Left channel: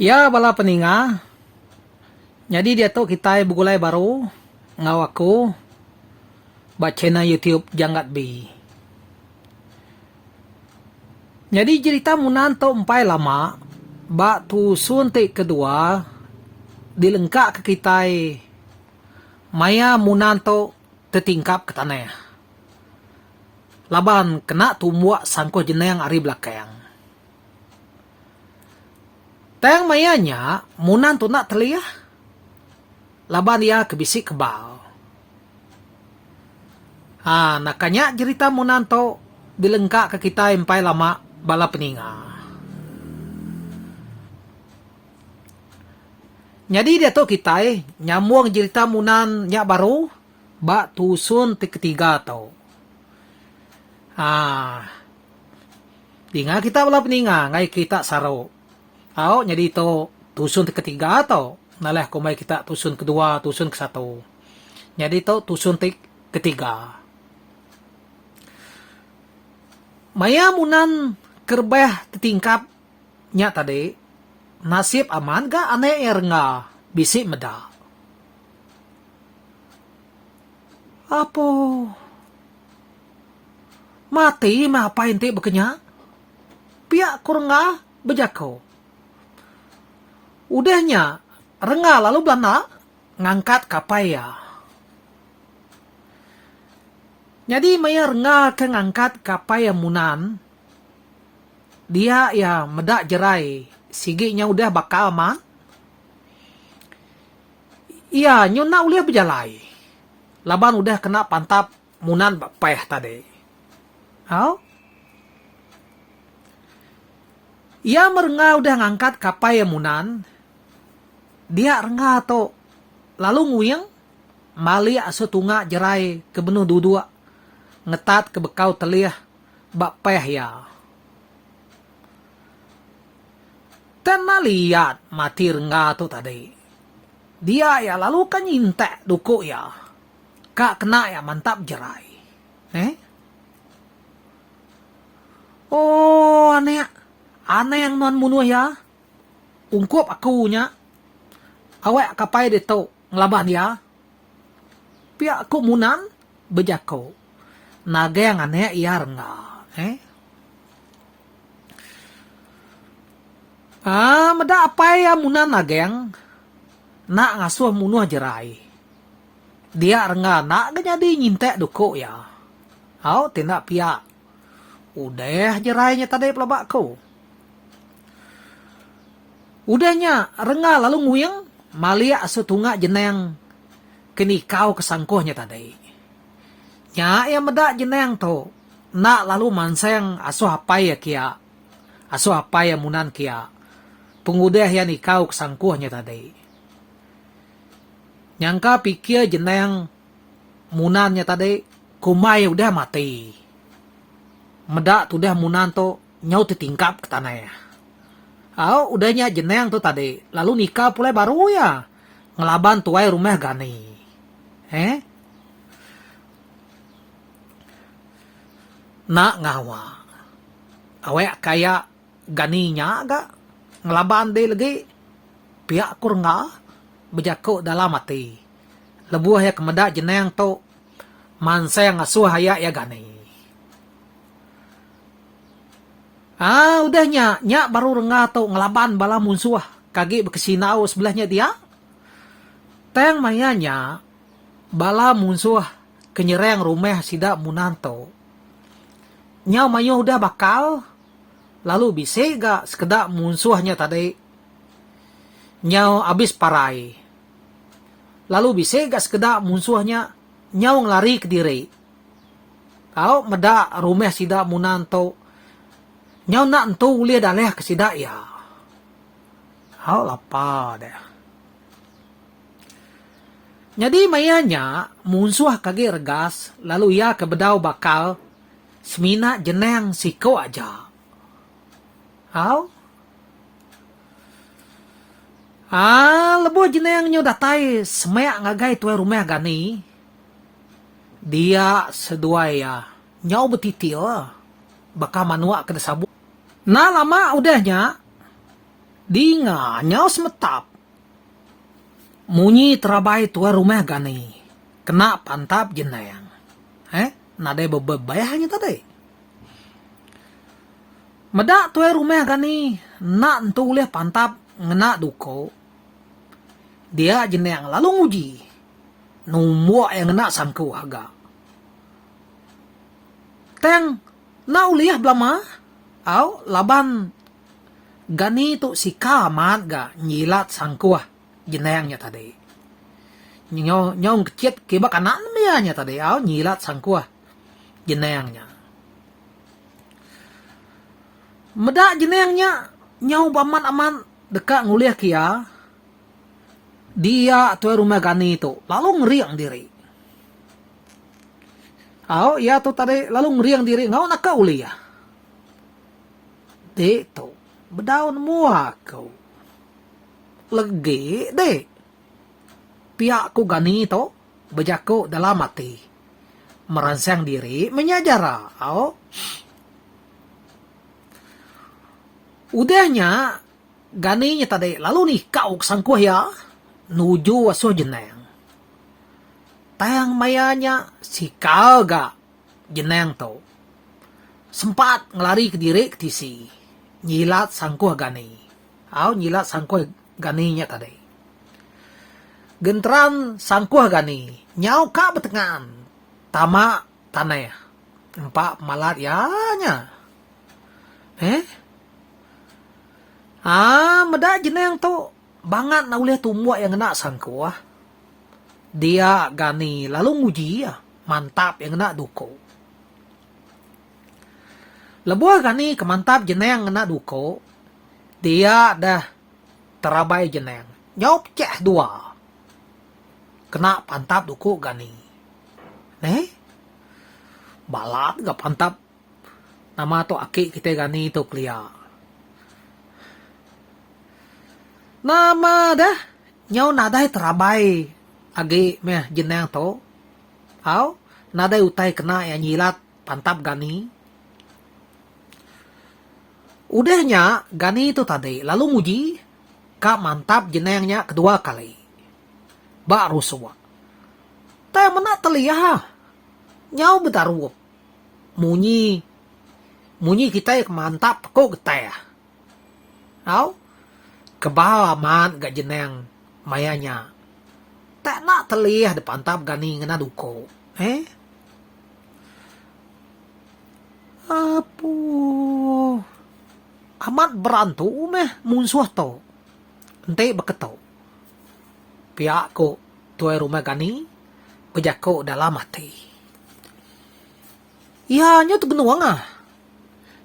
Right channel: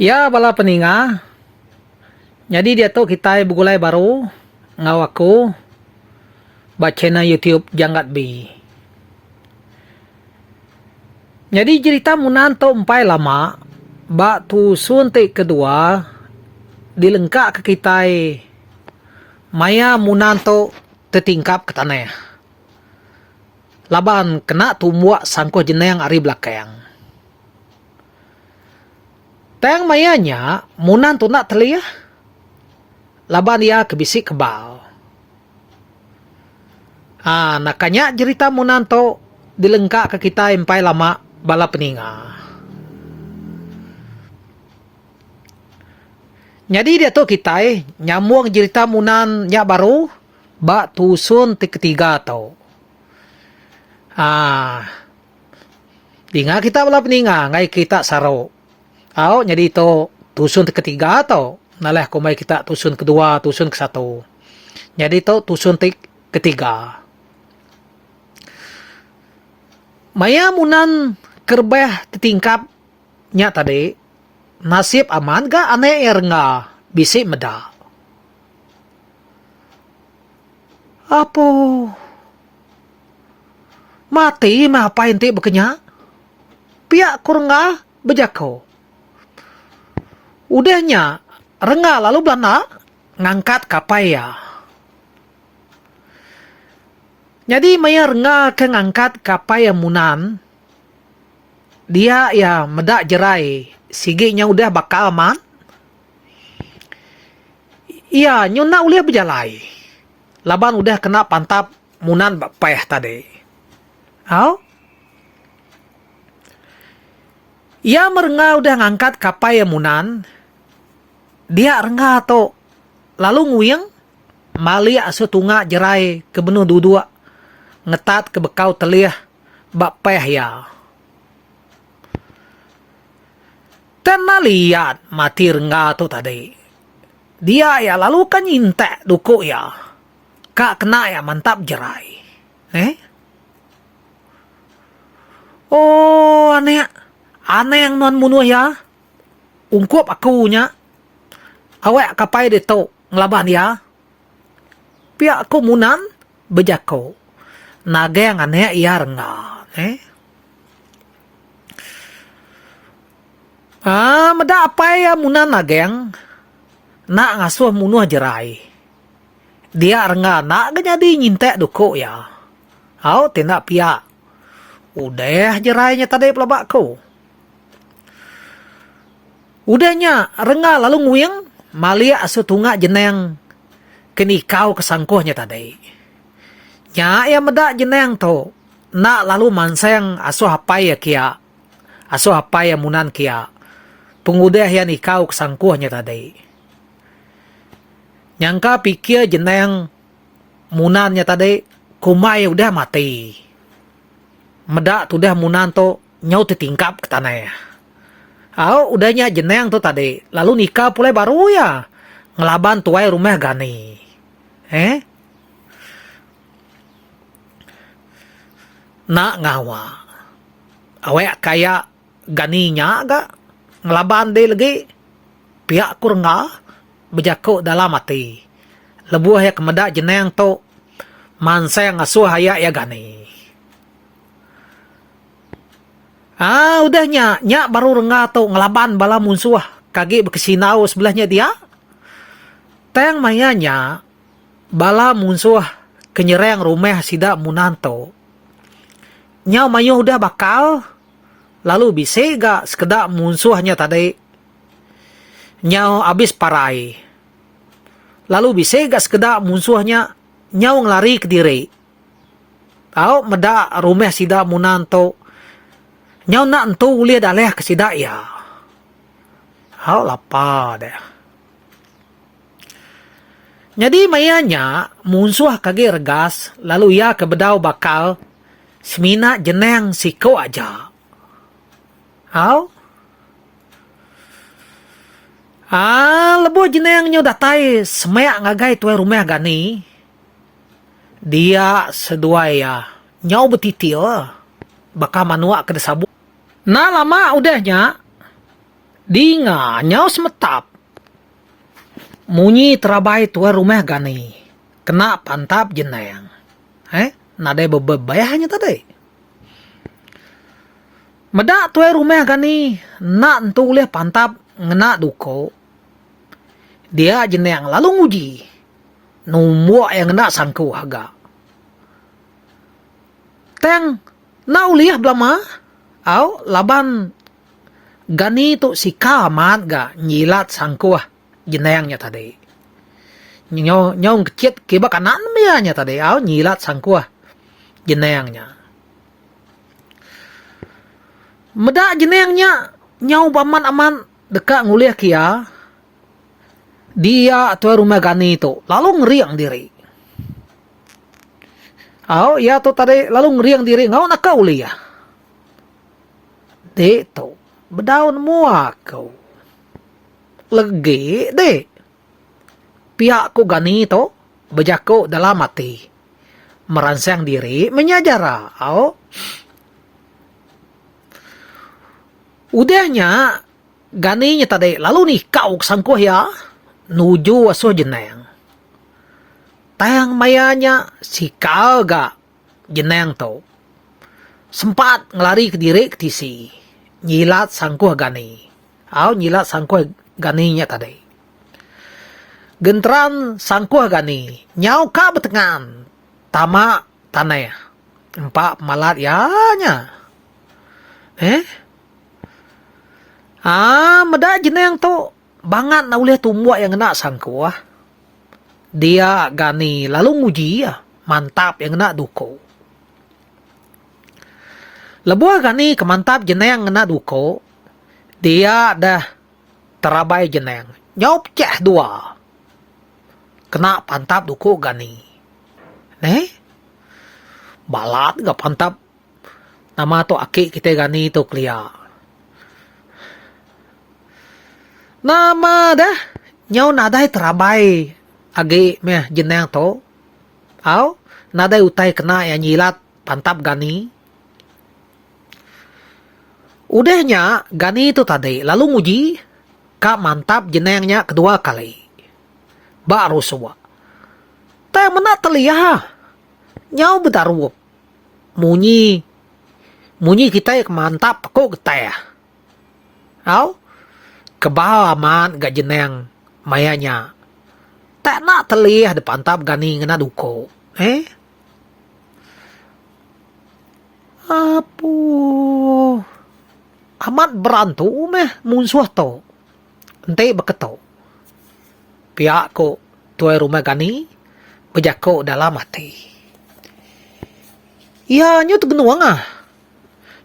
Ya, bala peninga. Jadi dia tuh kita begulai baru ngawaku baca na YouTube Janggat B. Jadi cerita munan to empai lama bak tu suntik kedua dilengkap ke kita maya munan to tertingkap ke tanah. Laban kena tumbuak sangko jenayang ari belakang. Tang mayanya munan tu nak telia. Laban dia kebisik kebal. Nakanya cerita munan to dilengkap ke kita empai lama bala peninga. Jadi dia tu kita nyambung cerita munan nya baru bak tusun ti ketiga tau. Dinga kita bala peninga ngai kita saro. Jadi to tusun ti ketiga tau. Nalah kumai kita tusun kedua, tusun ke satu. Jadi to tusun ti ketiga. Maya munan kerbah tertingkap nya tadi nasib aman ga ane nga bisik meda. Apa? Mati mah apa ente bekenya? Pihak kurang bejako. Udahnya rengah lalu belana ngangkat kapai ya. Jadi maya rengah ke ngangkat kapai yang munan. Dia ya medak jerai. Siginya udah bakal aman. Iya nyuna uliah berjalai. Laban udah kena pantap munan payah tadi. Ia merengah udah ngangkat kapai yang munan. Dia rengah to lalu nguyang mali asu tunga jerai ke benuh dudua ngetat ke bekau telih bak payah ya. Tena lihat mati rengah tu tadi. Dia ya lalu kan nyintek duku ya. Kak kena ya mantap jerai. Oh aneh yang non munuh ya. Ungkup akunya. Awak kapai dia tu ngelaban ya. Pihak aku munan bejako. Naga yang aneh iya rengah. Meda apa ya munan naga yang nak ngasuh munuh jerai. Dia rengah nak jadi nyintek duko ya. Tindak pihak. Udah jerainya tadi pelabakku. Udahnya rengah lalu nguyang malia asu tunga jeneng kenikau kesangkuhnya tadi. Nya ya medak jeneng to. Nak lalu manseng asu hapai ya kia. Asu hapai ya munan kia. Pengudah ya nikau kesangkuhnya tadi. Nyangka pikir jeneng munannya tadi kumai udah mati. Medak tudah munan to nyau tertingkap ke tanah. Udahnya jeneng tu tadi. Lalu nikah pulai baru ya. Ngelaban tuai rumah gani. Nak ngawa. Awak kaya ganinya agak. Ngelaban dia lagi. Pihak kurang bejako dalam mati. Lebuh ya kemedak jeneng tu. Mansa yang ngasuh hayak ya gani. Udahnya, nyak baru rengah tu ngelaban bala munsuah. Kagi berkesinau sebelahnya dia. Tang mayanya, bala munsuah kenyerang rumah sidak munanto. Nyaw mayo udah bakal. Lalu bisa gak sekedak munsuahnya tadi. Nyaw abis parai. Lalu bisa gak sekedak munsuahnya. Nyaw ngelari ke diri. Medak rumah sidak munanto. Nyaw nak entu ulia daleh ke sidak ya. Lapar deh. Jadi mayanya munsuh kage regas lalu ia ke bedau bakal semina jeneng siko aja. Lebu jeneng nyo datai semek ngagai tuai rumah gani. Dia sedua ya. Nyaw betitil. Baka manua ke desabu. Nah lama udahnya Di nga nyau semetap. Munyi terabai tua rumah gani. Kena pantap jenayang. Nadai bebayahnya tadi. Medak tua rumah gani. Nak entu uleh pantap ngena duko. Dia jenayang lalu nguji. Numuak yang ngena sangku haga. Teng, na uliah belama. Au, laban gani tu si kamat ga nyilat sangkuah jenayangnya tadi. Nyong kecit kiba kanan mianya tadi. Au, nyilat sangkuah jenayangnya. Medak jenayangnya nyau baman aman dekat nguliah kia. Dia tua rumah gani itu lalu ngeriang diri. Au, ya tu tadi lalu ngeriang diri ngau nak uliah. Dek tu berdaun muak kau. Legi dek. Pihak ku gani tu berjaku dalam mati. Merangsang diri menyajara. Au. Udahnya ganinya tadi lalu nih kau sangkuh ya. Nuju asuh jenayang. Tayang mayanya si kau ga jenayang tu. Sempat ngelari ke diri ke tisi. Nyilat sangkuh gani. Au nyilat sangkuh ganinya tadi. Gentran sangkuh gani. Nyau ka betengan. Tama tanah. Empat malat ya nya. Medak jenayang tu. Bangat na uleh tumbuak yang kena sangkuh. Dia gani lalu nguji ya. Mantap yang kena duko. Lebuah gani kemantap jenayang kena duko. Dia dah terabai jenayang. Nyop ceh dua. Kena pantap duko gani. Balat gak pantap. Nama tu akik kita gani tu kelia. Nama dah. Nyau nadai terabai. Agi meh jenayang tu. Au. Nadai utai kena yang nyilat pantap gani. Udahnya gani itu tadi lalu nguji ka mantap jenayangnya kedua kali. Baru suwa. Tay mana telia. Nyau bedarup. Munyi kita mantap kok getah. Au. Kebaman gak jenayang mayanya. Tak nak telia de pantap gani ngena duko. Apu. Amat berantu meh munsuh to. Ente beketo. Pihak ko tuai rumah gani berjako dalam mati. Ya nyo tegenuang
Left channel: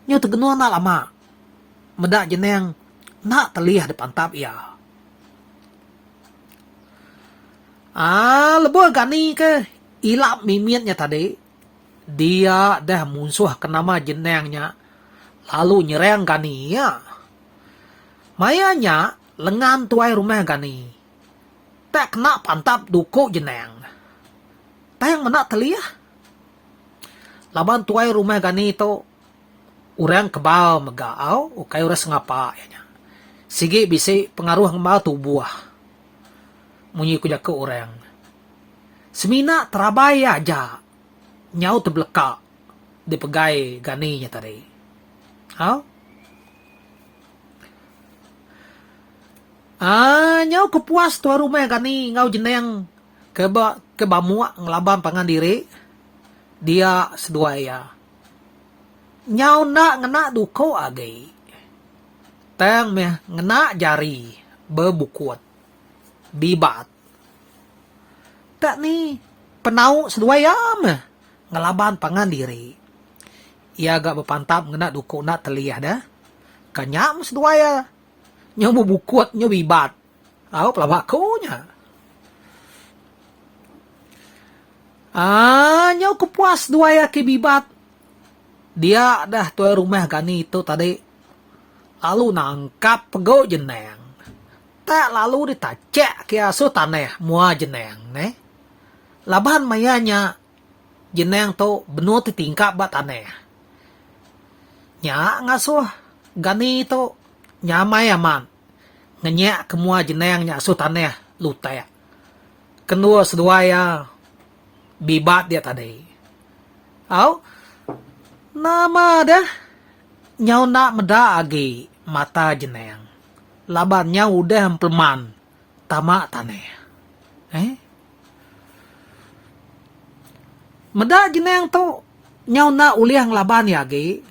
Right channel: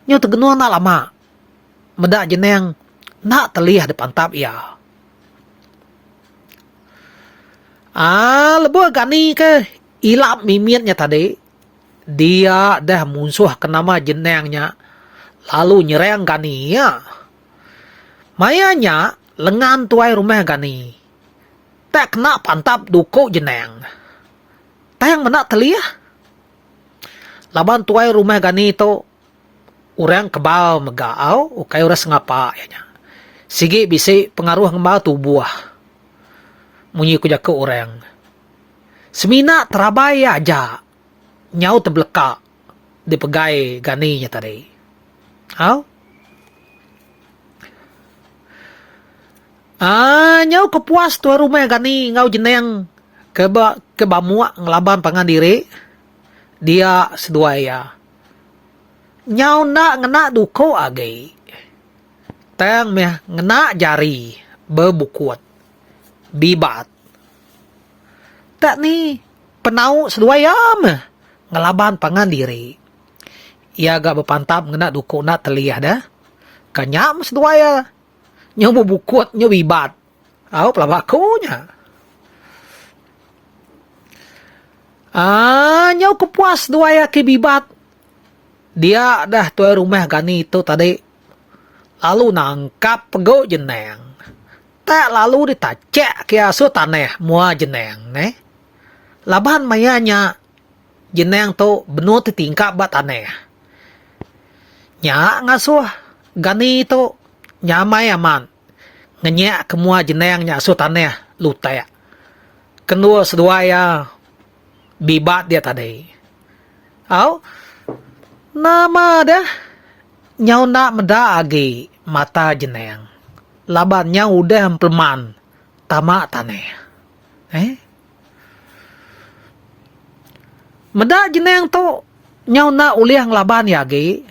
Nyo tegenuang nak lama. Medak jenayang nak telih depan tap ya. Lebuh gani ke ilap mimiatnya tadi. Dia dah munsuh ke nama jenayangnya. Lalu nyerang gani ya. Mayanya lengan tuai rumah gani. Tak kena pantap duko jenayang. Tayang menak telih. Laban tuai rumah gani itu. Urang kebal megau. Ukai uras ngapa ya. Sigi bisi pengaruh ngembal tubuh. Munyi ku jaka orang. Semina terabai aja. Nyau terbelekak. Dipegai ganinya tadi. Nyau kepuas tuan rumah gani. Ngau jenayang kebamuak ngelaban pangan diri. Dia sedua ya. Nyau nak ngena duko agi. Tang meh ngena jari bebukuat bibat. Tak ni penau sedua ya meh ngelaban pangan diri. Ia agak berpantap ngena duko nak telih dah. Kanyam sedua ya. Nyo bebukuat nyo bibat. Au pelabakunya. Nyo kepuas dua ya ke bibat. Dia dah tuai rumah gani itu tadi. Lalu nangkap pegau jenayang. Tak lalu ditacek ke asu tanah mua jenayang. Laban mayanya jenayang tu benar tingkap bat tanah. Nya ngasuh gani tu nyamai aman. ngenyak kemua jenengnya sultannya lutek. Kenua sedua ya bibat dia tadi. Au nama dah nyau nak meda agi mata jeneng. Labannya udah empleman tamak taneh. Meda jeneng tu nyau nak uliang laban yagi.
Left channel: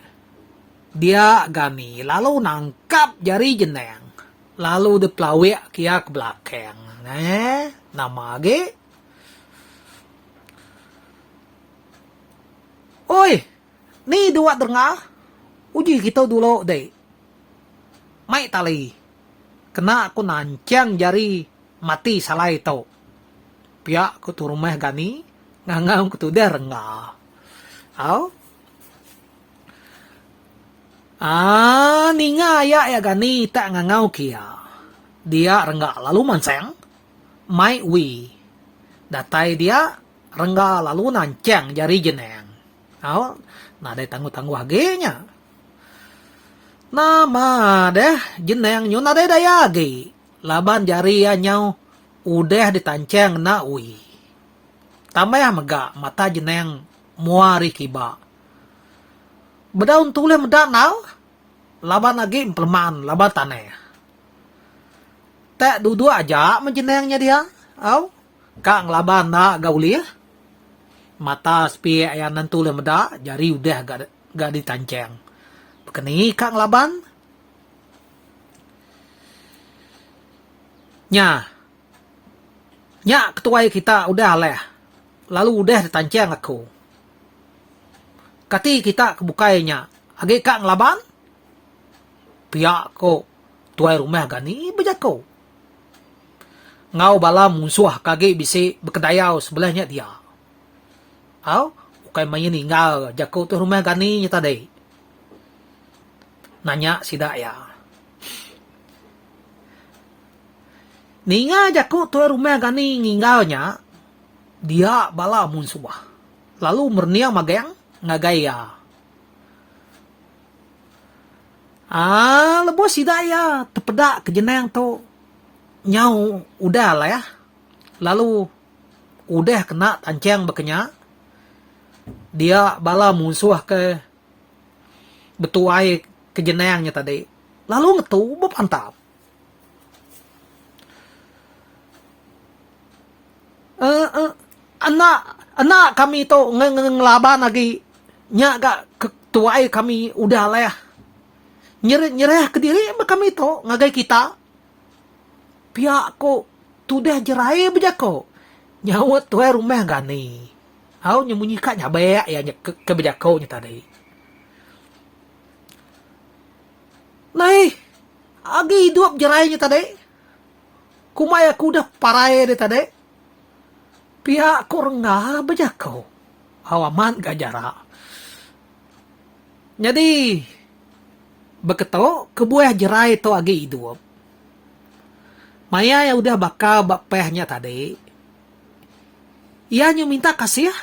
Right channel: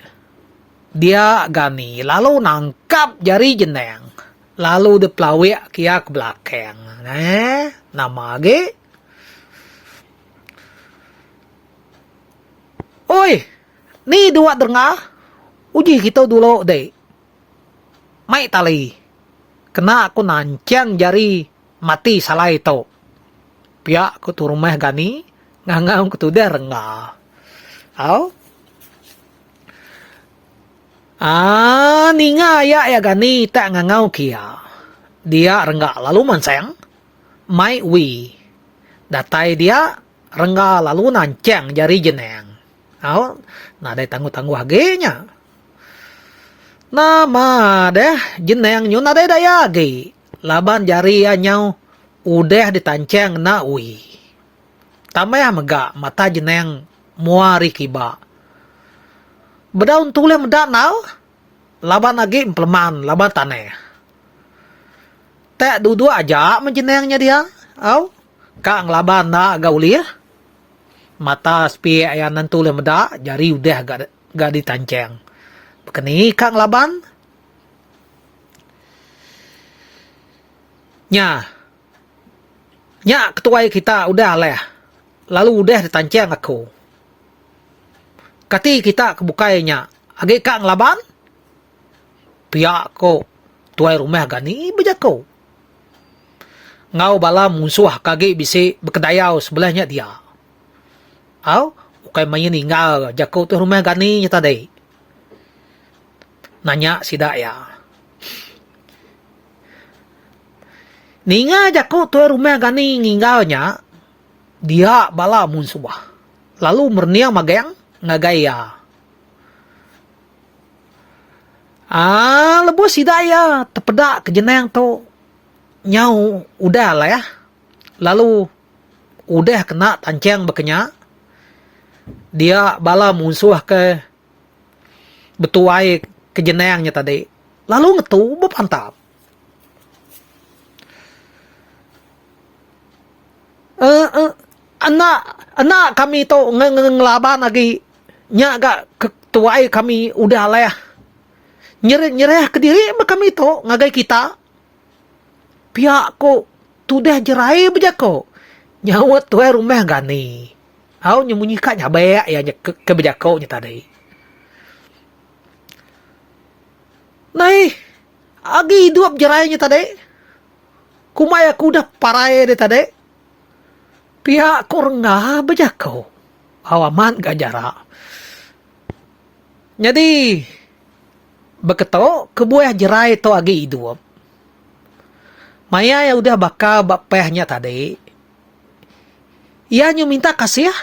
Dia gani lalu nangkap jari jeneng. Lalu dipelawik kia ke belakang. Nama agi. Oi, ni dua dengar. Uji kita dulu deh. Mai tali. Kena aku nancang jari mati salah itu. Pihak aku tu rumah gani. Ngangau aku tu dah rengah. Au. Ninga ya gani tak ngangau kia. Dia rengah lalu manseng. Mai wi. Datai dia rengah lalu nancang jari jeneng. Au. Nada tangguh-tangguh agenya. Nama deh jeneng nyo nada daya agi. Laban jari ya nyau udah ditancang na ui. Tamaya mega mata jeneng muari kiba. Bedaun tule medak nal. Laban lagi impleman laban taneh. Tak dudu aja menjenengnya dia. Au. Kang laban na gaulir. Mata spi ayanan tule medak jari udah gak ditancang. Bekeni kang laban. Nya ketua kita udah leh. Lalu udah ditancang aku. Kati kita kebukainya. Agi kang laban. Pihak ko. Tuai rumah gani bejako. Ngau bala musuh kagi bisi berkedayau sebelahnya dia. Au. Ukai main tinggal. Jako tu rumah gani nya tadi. Nanya sidak ya. Ninga jako tu rumah gani ninggalnya. Dia bala musuh. Lalu merniang mageng ngagaya. Lebu sidak ya terpedak ke jeneng tu. Nyau udah lah ya. Lalu udah kena tancang bekenya. Dia bala musuh ke betuai ke jenengnya tadi. Lalu ngetu bepantap. Anak kami tu ngelaban lagi. Nya gak ketuai kami udah lah ya. Nyerah ke diri kami tu ngagai kita. Pihak ko tu dah jerai bejako. Nyawat tuai rumah gani. Au nyemunyikan nyabayak ya ke bejako nya tadi. Nai, agi hidup jerainya tadi. Kumaya aku dah parai dia tadi. Pihak ko rengah bejako. Awaman gak jarak. Jadi, beketo kebuah jerai to agi hidup. Maya ya udah bakal bapehnya tadi. Ia nyu minta kasih ya.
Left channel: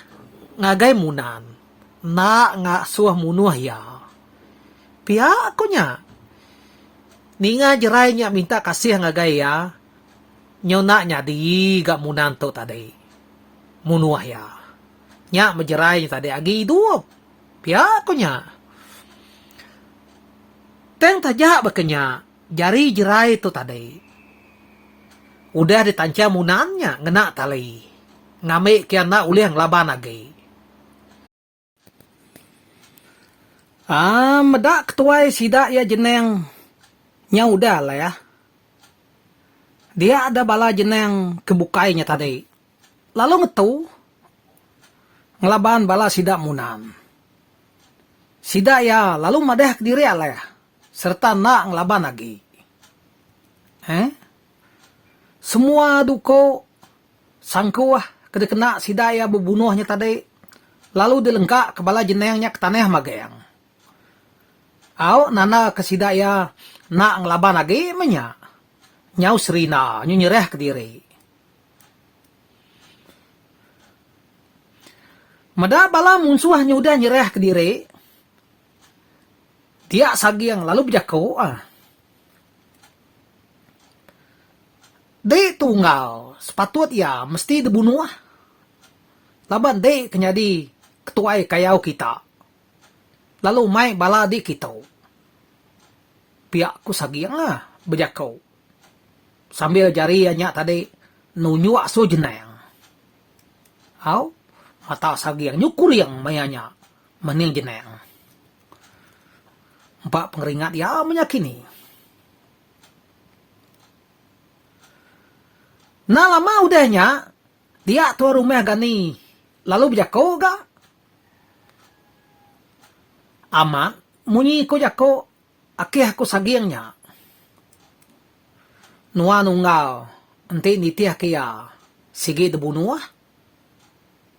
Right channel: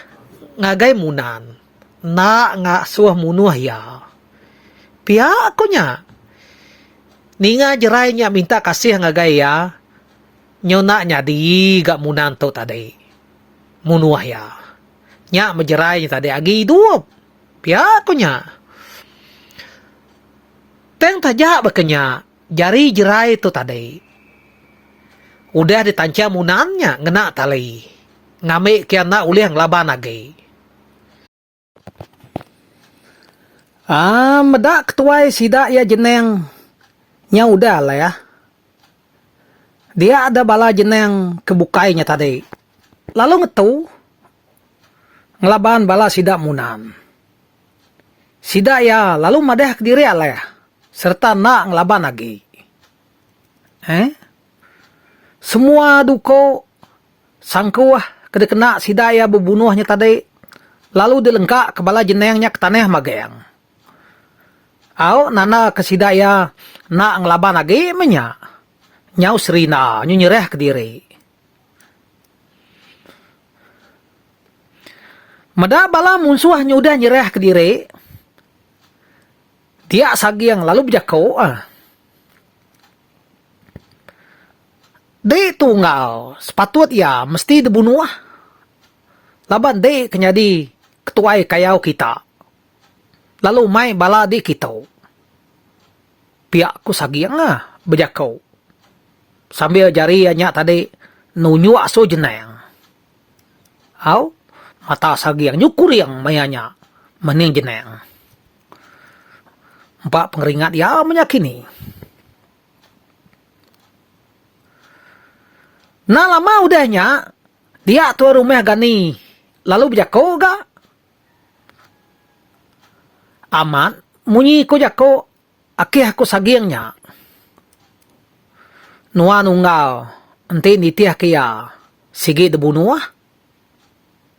Ngagai munan. Nggak suah munuh ya. Pihak ko nya. Ninga jerainya minta kasih ngagai ya. Nyona nya di gak munan to tadi. Munuh ya. Nya mejerainya tadi agi hidup. Pihak ko nya. Teng tajak bekenya. Jari jerai to tadi. Udah ditancang munannya ngena tali. Ngamik kiana uliang laban lagi. Medak ketuai sidak ya jeneng. Nya udah lah ya. Dia ada bala jeneng kebukainya tadi. Lalu ngetu. Ngelaban bala sidak munan. Sidak ya lalu madah ke diri lah ya. Serta nak ngelaban lagi. Semua duko sangkuah kena sidaya berbunuhnya tadi. Lalu dilengkak ke bala jenengnya ke tanah magayang. Au nana ke sidaya nak ngelaban lagi menya. Nyau serina nyerah ke diri. Mada bala musuh udah nyerah ke diri. Dia sagi yang lalu berjako. Dek tunggal, sepatut ya mesti dibunuh. Laban dek kenyadi ketuai kayau kita. Lalu mai bala di kita. Pihak ku sagiang bejakau. Sambil jari anya tadi nunyu aso jeneng. Au, mata sagiang nyukur yang mayanya mening jeneng. Empat pengeringat ya menyakini. Nah lama udahnya, dia tua rumah gani, lalu berjako ga? Aman, munyi ko jako, akih ko sagiangnya. Nua nunggal, enti nitiah kia, sige debunuah.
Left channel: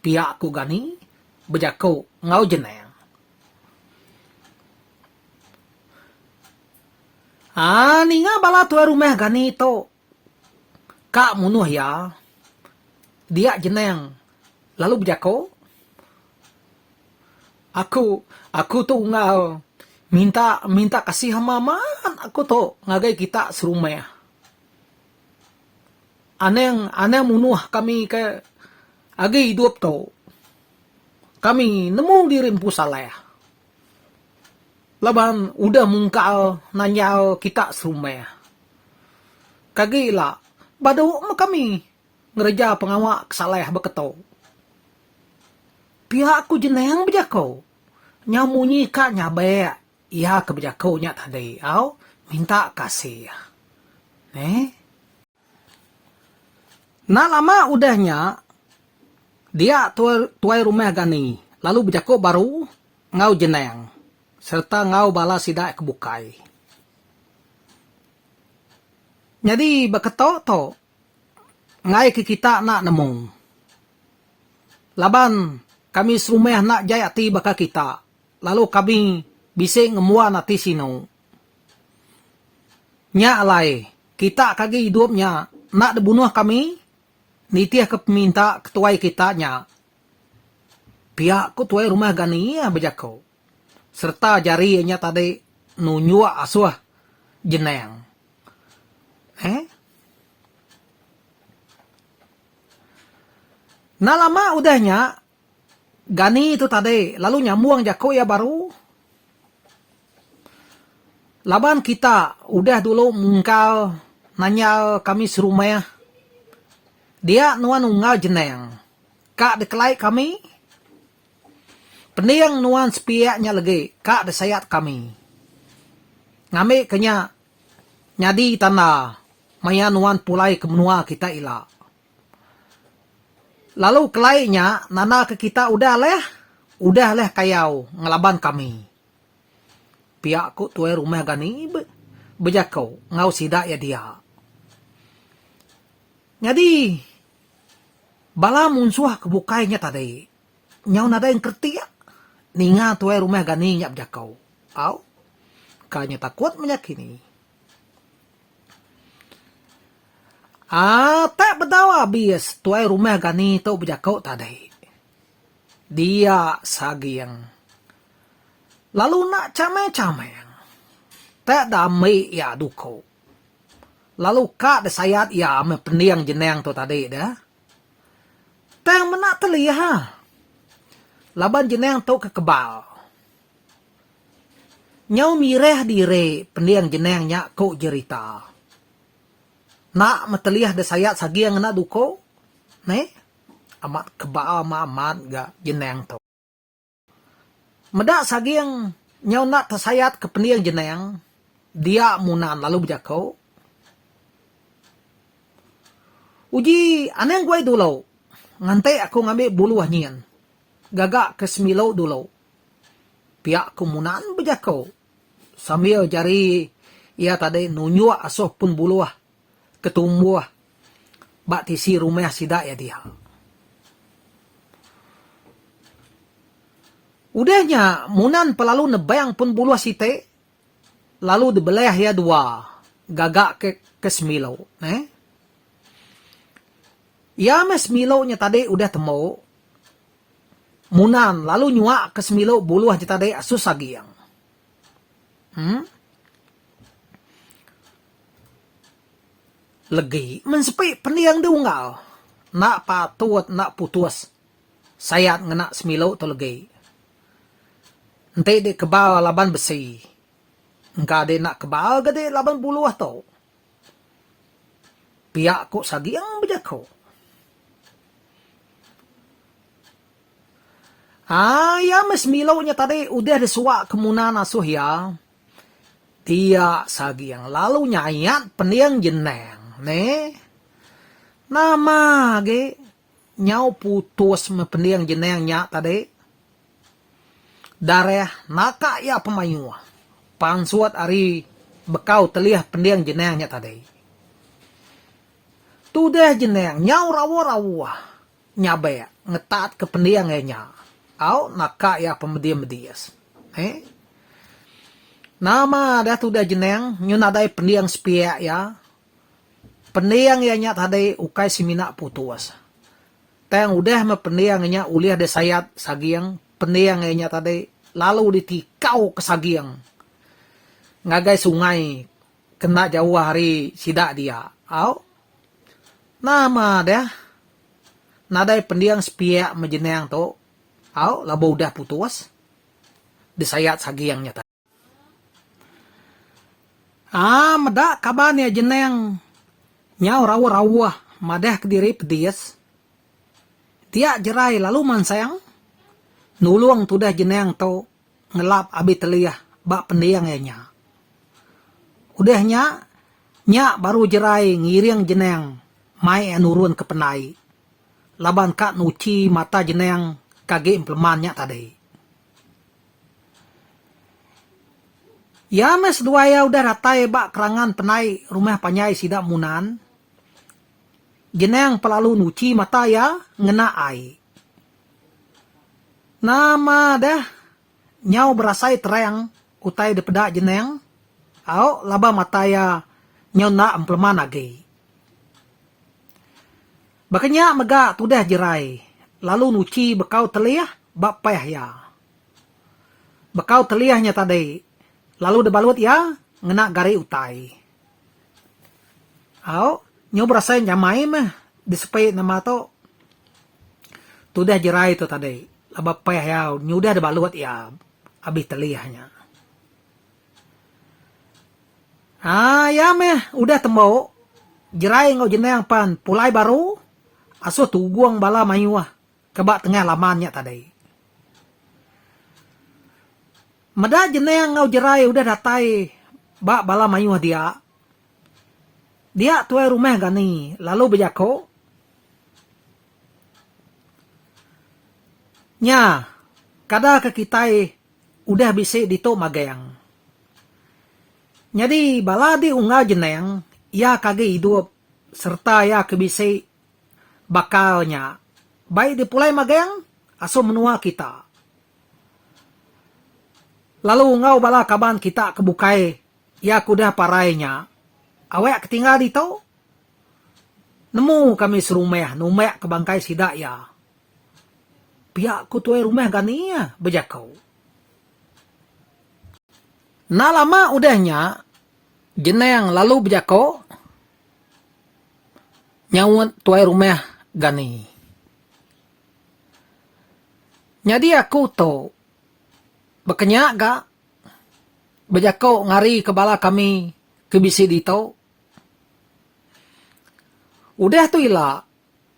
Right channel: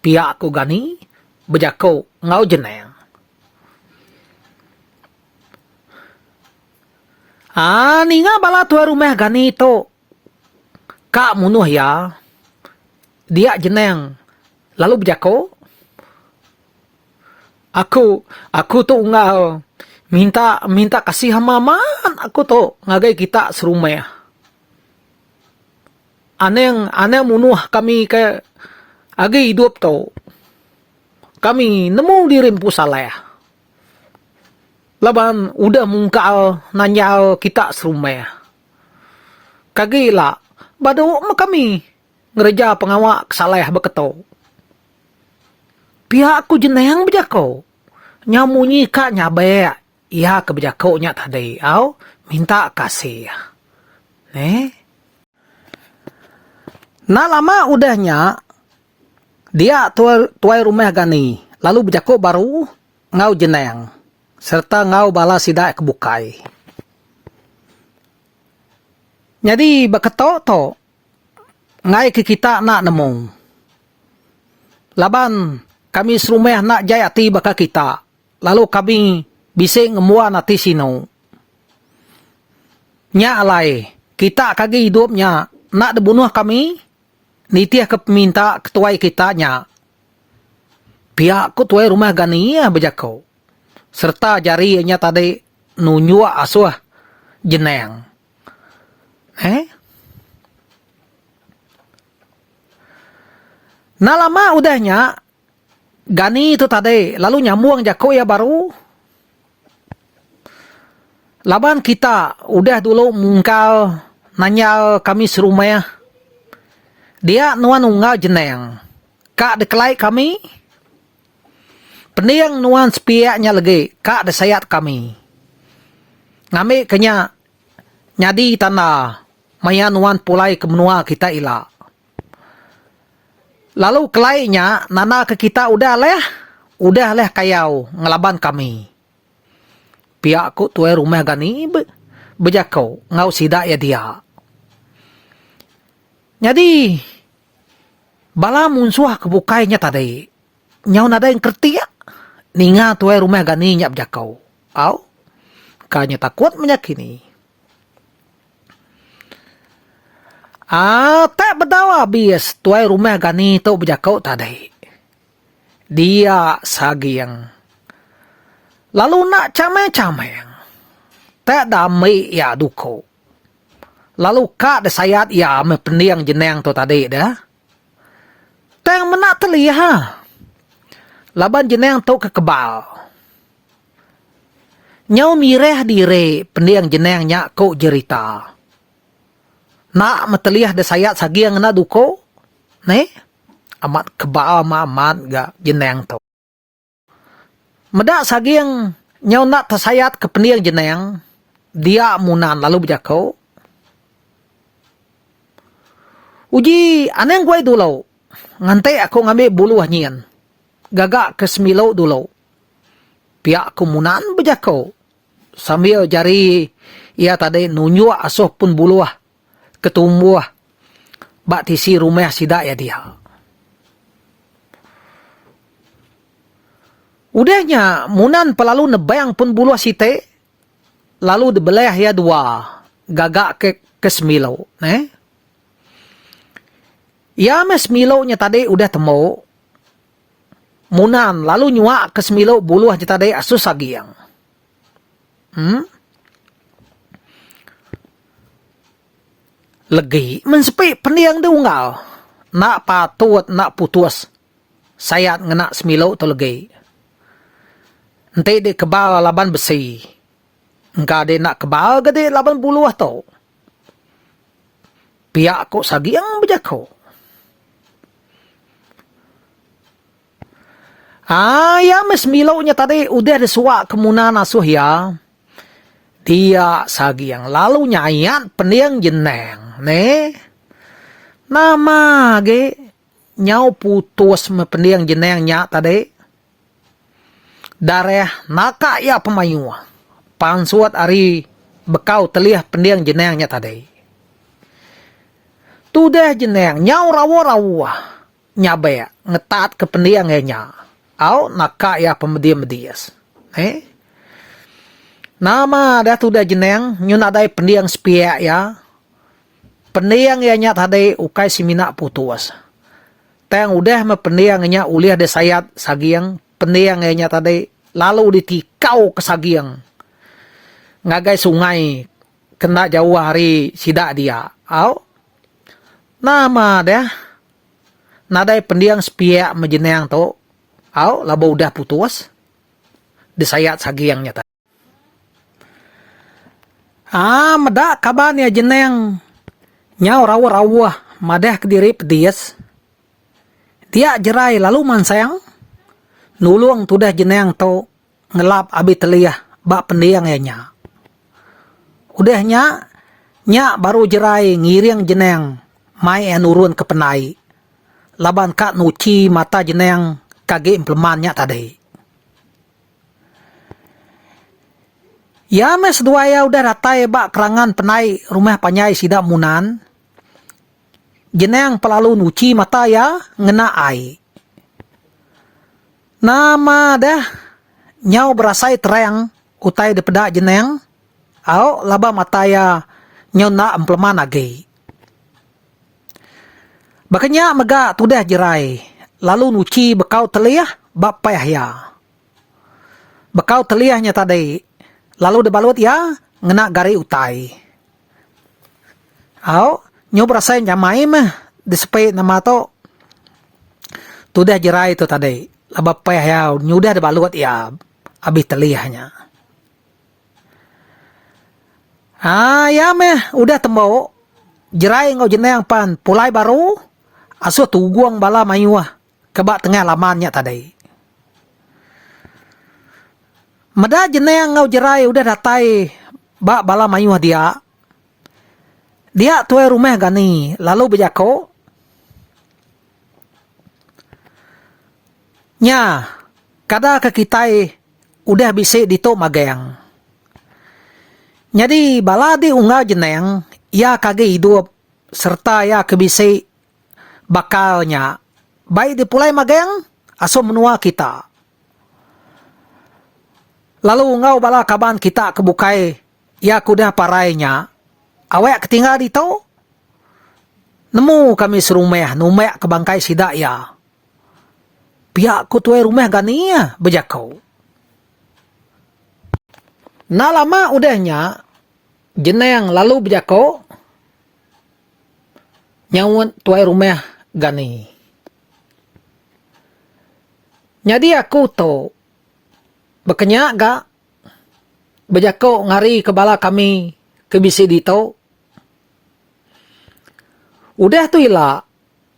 Pihak ko gani, berjako ngau jeneng. Ninga bala tua rumah gani to, kak munuh ya, dia jeneng, lalu berjako. Aku tu ngau minta kasih hamaman aku tu ngagai kita serumah. Aneng munuh kami ke agi hidup tu. Kami nemu dirimpu salah. Laban udah mungkal nanya kita serumah. Kagila bado kami ngereja pengawak salah beketo. Pihak aku jeneng berjako. Nyamunyi kak nyabe. Ia keberjako nya tadi. Au, minta kasih. Nah lama udahnya. Dia tuai rumah gani. Lalu berjako baru ngau jeneng. Serta ngau bala sidak kebukai. Jadi beketo to. Ngai ke kita nak nemu. Laban kami serumah nak jayati baka kita. Lalu kami bisa ngemua nati sino. Nya alai. Kita kagi hidupnya. Nak dibunuh kami. Nitiah keminta ketuai kita nya. Pihak ketuai rumah gani ya berjako. Serta jarinya tadi nunyua asuh jeneng. Nah lama udahnya. Gani itu tadi. Lalu nyamuang jako ya baru. Laban kita udah dulu mungkal. Nanya kami serumah. Dia nuan ungal jeneng. Kak dekelai kami. Peniang nuan sepiaknya lagi. Kak desayat kami. Ngami kenya. Nyadi tanah. Maya nuan pulai kemenua kita ila. Lalu kelainya, nana ke kita udah leh kayau ngelaban kami. Pihak ku tuai rumah gani berjakau ngau sidak ya dia. Jadi, bala munsuah kebukainya tadi. Nyau nada yang kerti ya. Ninga tuai rumah gani nya berjakau. Au, kanya takut menyakini. Tak berdawa bias tuai rumah gani tu berjakau tadi. Dia sagiang. Lalu nak camai-camai. Tak damai ya duko. Lalu kak desayat ya mepeniang jeneng tu tadi dah. Teng menak terlihat. Laban jeneng tu kekebal. Nyau mireh dire pendiang jeneng nyak ko jerita. Nak meteliah desayat sagiang na duko. Amat kebal amat ga jeneng tu. Medak sagiang nyau nak tersayat ke pendiang jeneng. Dia munan lalu berjakau. Uji aneng gue dulu. Ngantai aku ngambil bulu nyian. Gagak ke semilo dulu. Pihak kumunan berjakau. Sambil jari ia tadi nunjuk asuh pun bulu ketumbuh. Bak tisi rumah sidak ya dia. Udahnya munan pelalu nebayang pun bulu site. Lalu dibelah ya dua. Gagak ke semilo. Ya semilo nya tadi udah temu. Munan lalu nyuak ke semilo bulu aja tadi asus sagiang. Legi mensepi pendiang diunggal. Nak patut nak putus. Sayat ngena semilo tu legi. Nanti di kebal laban besi. Engkau di nak kebal gede laban buluh tu. Pihak ko sagi yang berjako. Ya mes milaunya tadi udah disuak kemunan asuh ya. Dia sagi yang lalu nyayat pendiang jeneng. Nama ge nyau putus me pendiang jenengnya tadi. Dareh naka ya pemayu. Pansuat ari bekau telih pendiang jenengnya tadi. Tudah jeneng nyau rawa-rawa. Nyabe ngetat ke pendiangnya. Au naka ya pemediam-medias. Nama dah tu dah jeneng nyunadai pendiang sepia ya. Pendiang ya nyat hadai ukai simina putus. Tang udah me pendiang nya uliah de sayat sagiang pendiang ya nyat hadai lalu ditikau ke sagiang. Ngagai sungai kena jauh hari sidak dia. Au nama dah nadai pendiang sepia mejeneng tu. Au laba udah putus. De sayat sagiang nyata. Madak kabarnya jeneng nyau rawa-rawa madah kediri pedias. Dia jerai lalu mansayang nulung tudah jeneng to ngelap abi teliyah bak pendiang ya nya. Udahnya nya baru jerai ngiring jeneng mai nurun ke penai. Laban kak nuci mata jeneng kage implemannya tadi. Ya mes dua ya udah ratai bak kerangan penai rumah panyai sidak munan. Jeneng pelalu nuci mata ya ngena ai. Nama dah nyau berasai terang utai depedak jeneng. Au laba mata ya nyau na empleman agi. Bakanya mega tudah jerai. Lalu nuci bekau teliyah bak payah ya. Bekau teliyahnya tadi. Lalu debalut ya ngena gari utai. Au nyob rasai nyamai mah disepay nama to. Tudah jerai tu tadi. Laba payah ya nyudah debalut ya abis teliyahnya. Ya meh udah tembok. Jerai ngau jeneng pan pulai baru. Asuh tuguang bala mayuah. Kebak tengah lamannya tadi. Meda jeneng ngau jerai udah datai bak bala mayuah dia. Dia tuai rumah gani lalu bejako. Nya kada ke kitai udah bisa ditok magayang. Jadi bala di unga jeneng ya kage hidup serta ya kebisi bakalnya. Baik dipulai magayang aso menua kita. Lalu ngau bala kaban kita kebukai ya kudah parainya. Awak ketinggal di tau. Nemu kami serumah numek ke bangkai sidak ya. Pihak ku tuai rumah gani ya bejakau. Nah lama udahnya jeneng lalu bejakau. Nyawon tuai rumah gani. Jadi aku tu bekenya gak bejako ngari kebala kami kebisi dito. Udah tu ila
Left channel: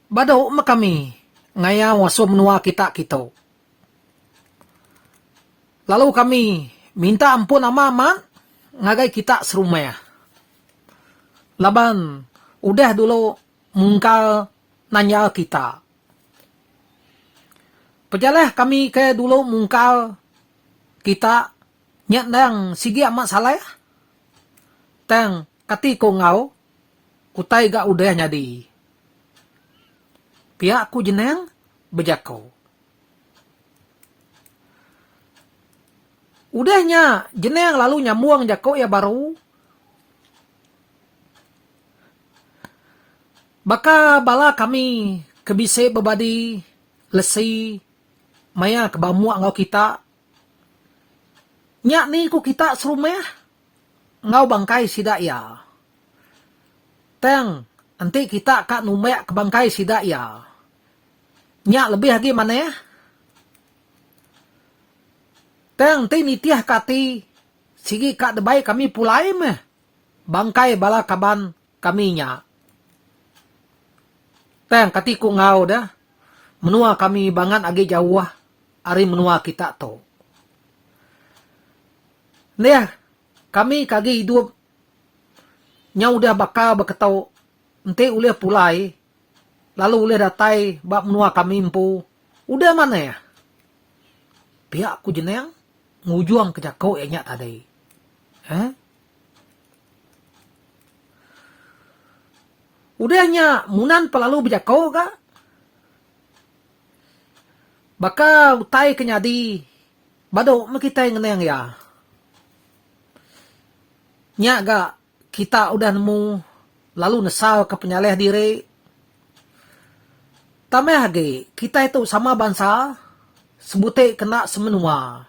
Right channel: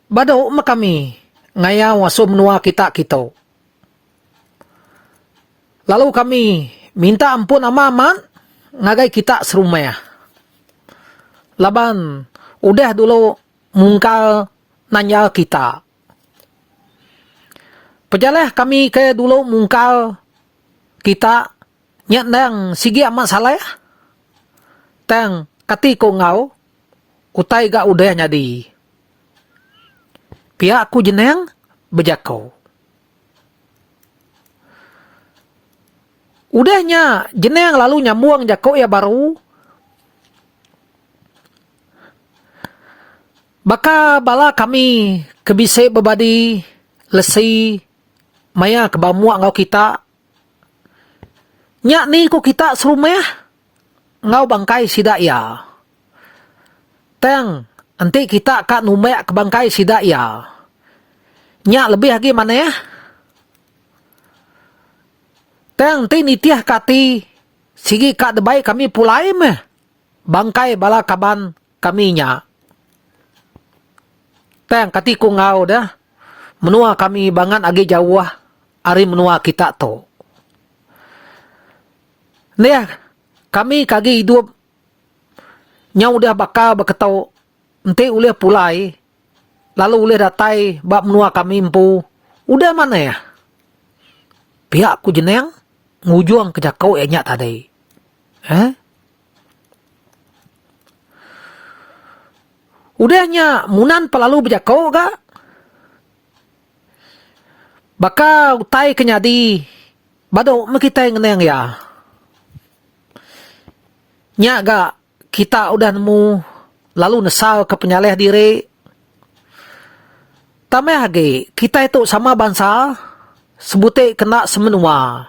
bado ma kami ngaya waso menua kita kito. Lalu kami minta ampun ama aman ngagai kita serumah. Laban udah dulu mungkal nanya kita. Pejalah kami ke dulu mungkal kita nyat nang sigi amat salah ya. Tang kati ko ngau utai ga udah nyadi. Pihak ku jeneng bejakau. Udahnya jeneng lalu nyambuang jakau ya baru. Baka bala kami kebise bebadi lesi maya kebamuak ngau kita. Nyak ni ko kita serumah ngau bangkai sidak ya. teng nanti kita kak numek ke bangkai sida ya. Nya lebih lagi mana ya? Teng nanti nitiah kati sigi kak debai kami pulai meh. Bangkai bala kaban kami nya. Teng kati ku ngau dah. Menua kami bangan agi jauh ari menua kita to. Nih kami kagi hidup nya udah bakal beketau ente uleh pulai lalu uleh datai bab menua kami empu udah mana ya pihak ku jeneng ngujung ke jakau enya tadi udahnya munan pelalu bejakau gak bakal utai kenyadi bado makita ngeneng ya nya gak kita udah nemu lalu nesal ke penyaleh diri. Tameh lagi, kita itu sama bangsa, sebute kena semenua.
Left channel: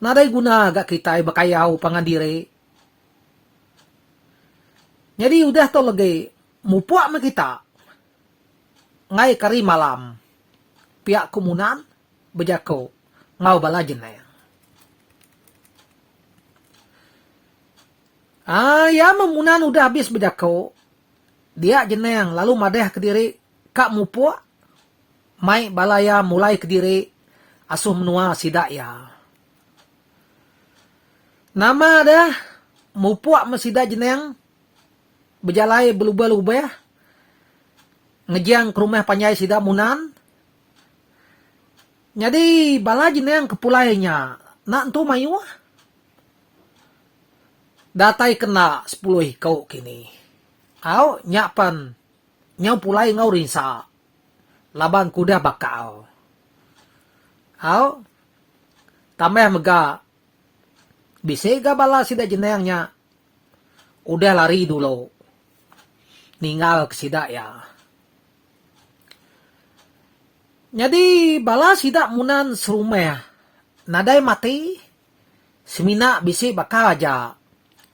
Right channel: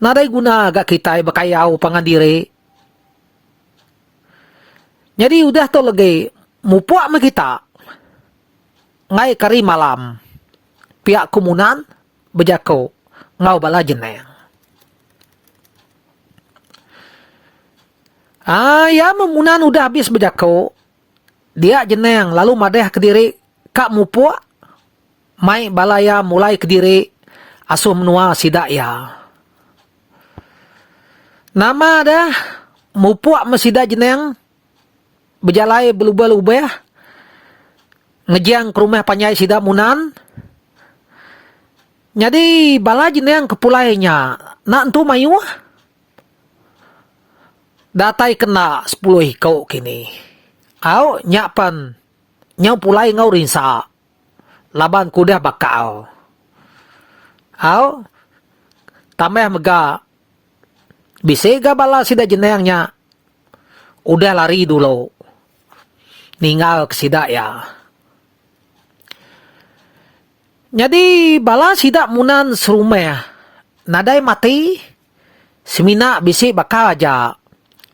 Nadai guna agak kita bakayau pangan diri. Jadi udah tu lagi, mupuak me kita. Ngai kari malam, pihak komunan, bejako, ngau bala jeneng. Ya memunan udah habis bejako. Dia jeneng lalu madeh ke diri kak mupuak. Mai balaya mulai ke diri asuh menua sidak ya. Nama dah mupuak mesida jeneng berjalai berubah-ubah. Ngejiang ke rumah panyai sidak munan. Jadi bala jeneng kepulainya nak entu mayu datai kena 10 hikau kini. Au nyapan nyau pulai ngau rinsa. Laban kuda bakal. Au tameh mega bisa ga bala sida jenengnya udah lari dulu. Ninggal ke sida ya. Jadi bala sida munan serumeh. Nadai mati semina bisi bakal aja.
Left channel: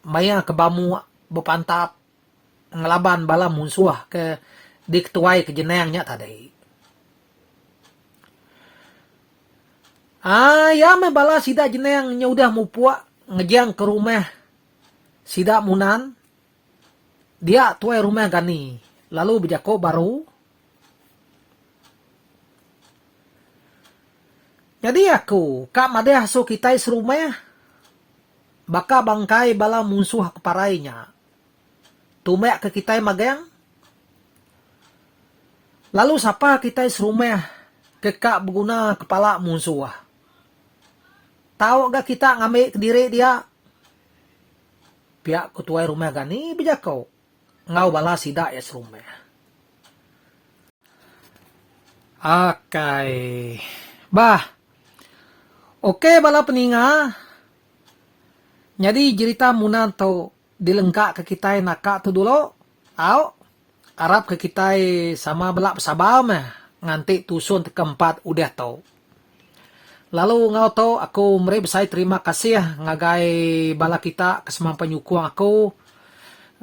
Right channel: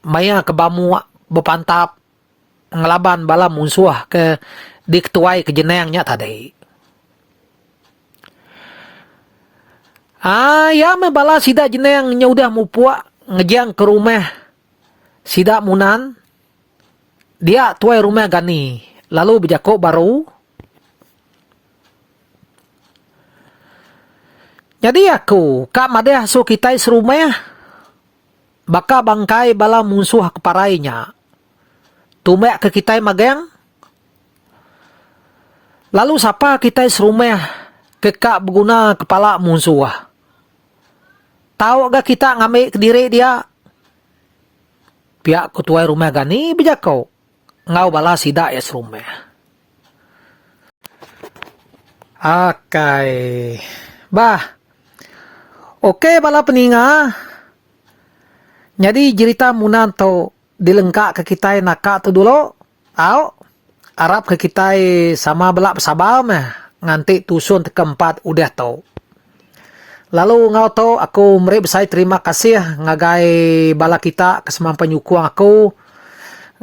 Maya kebamu bepantap ngelaban bala musuh ke diketuai ke jenengnya tadi. Ya me bala sida jenengnya udah mupuak ngejang ke rumah sida munan. Dia tuai rumah gani. Lalu bejako baru. Jadi aku kak madeh so kita serumah. Baka bangkai bala musuh keparainya. Tumek ke kita mageng. Lalu siapa kita serumah ke kak berguna kepala musuh. Tahu gak kita ngambil ke diri dia? Pihak ketua rumah gani bejako. Ngau bala sida ya serumah. Okay. Oke bala peninga. Jadi cerita munan to dilengkap ke kita nakak tu dulu. Arab ke kita sama belak sabam nganti tusun keempat udah to. Lalu ngau to aku meri besai terima kasih ngagai bala kita kesemam penyukung aku.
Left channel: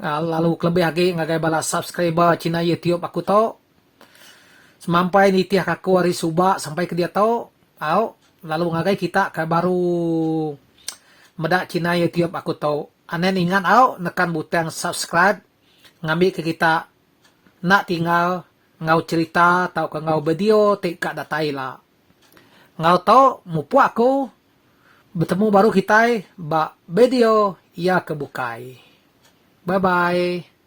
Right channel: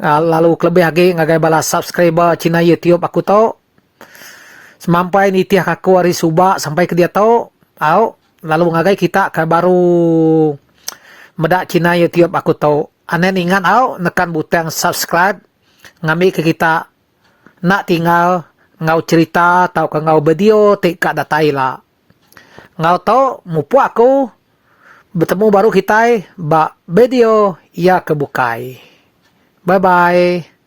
Lalu kelebih lagi ngagai bala subscriber Cina YouTube aku to. Semampai nitiah aku hari subak sampai ke dia to. Lalu ngagai kita ke baru medak Cina YouTube aku tahu. Anen ingat nekan butang subscribe. Ngambil ke kita. Nak tinggal ngau cerita atau ke ngau video tik datai lah. Ngau tahu mupu aku bertemu baru kita ba video ia kebukai. Bye bye.